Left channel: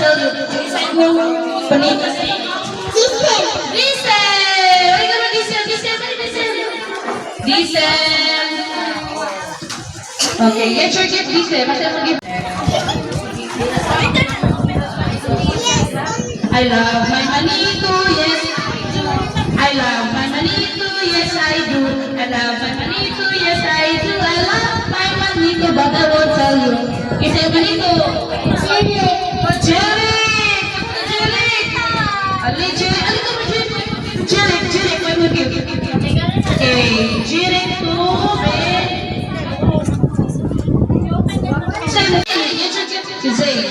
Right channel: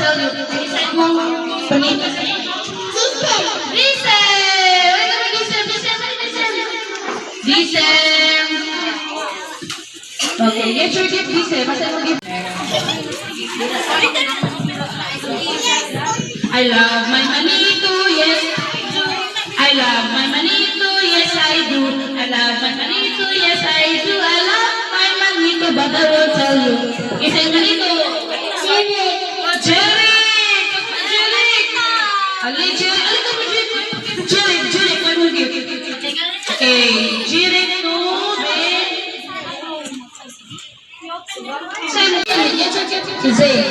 tell you. Resign mo. Panita. Giselle. Giselle. Ay, naman Giselle. Giselle. Okay, get your gift, Giselle. Basta mo gift. I love my manito, yes. I love my manito, yes I do. I love my manito, yes I do. I love my manito, but I won't tell you. Giselle manito. Jerry. Jerry. Jerry. Ali Jerry. Ali ka ba Jerry? Jerry. Jerry. What would you? Okay. Jerry to Ben. Say Giselle.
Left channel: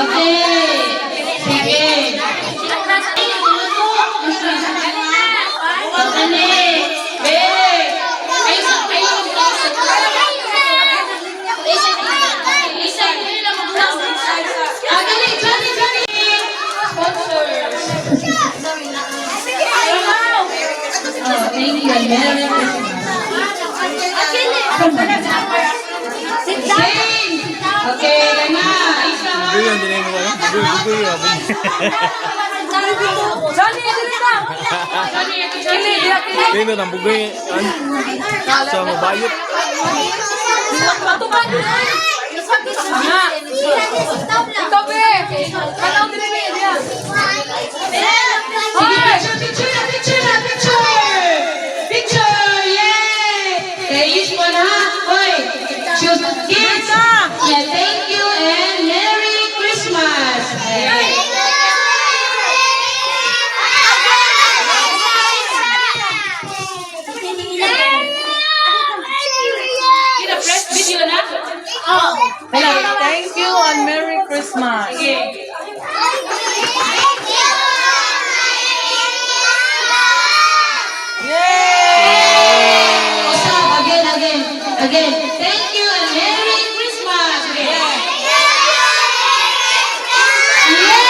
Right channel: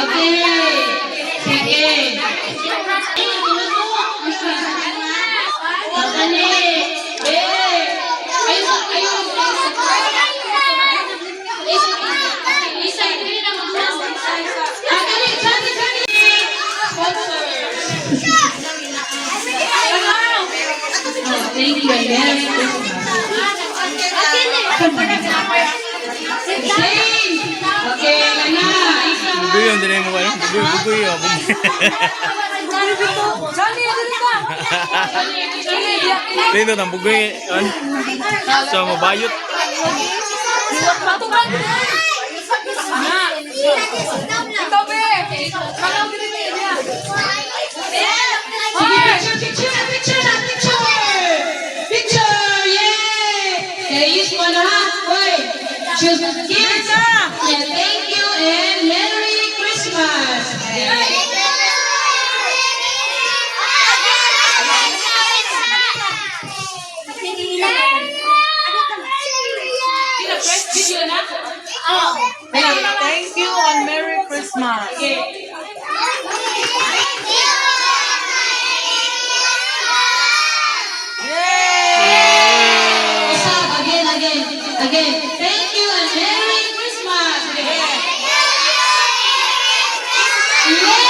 Okay. Sige. Thank you. Merry okay, na. Bugoy ang dinay mo kayo? Bugoy o. Dito ng bugoy. Sa mabayot. Picture, yay! Kayis mo na, hoy! Choose the kids! Yeah, thank you and Merry Christmas! Kina-press video na? Thank you and Merry Christmas. Again. Thank you and Merry Christmas! Again. Yeah.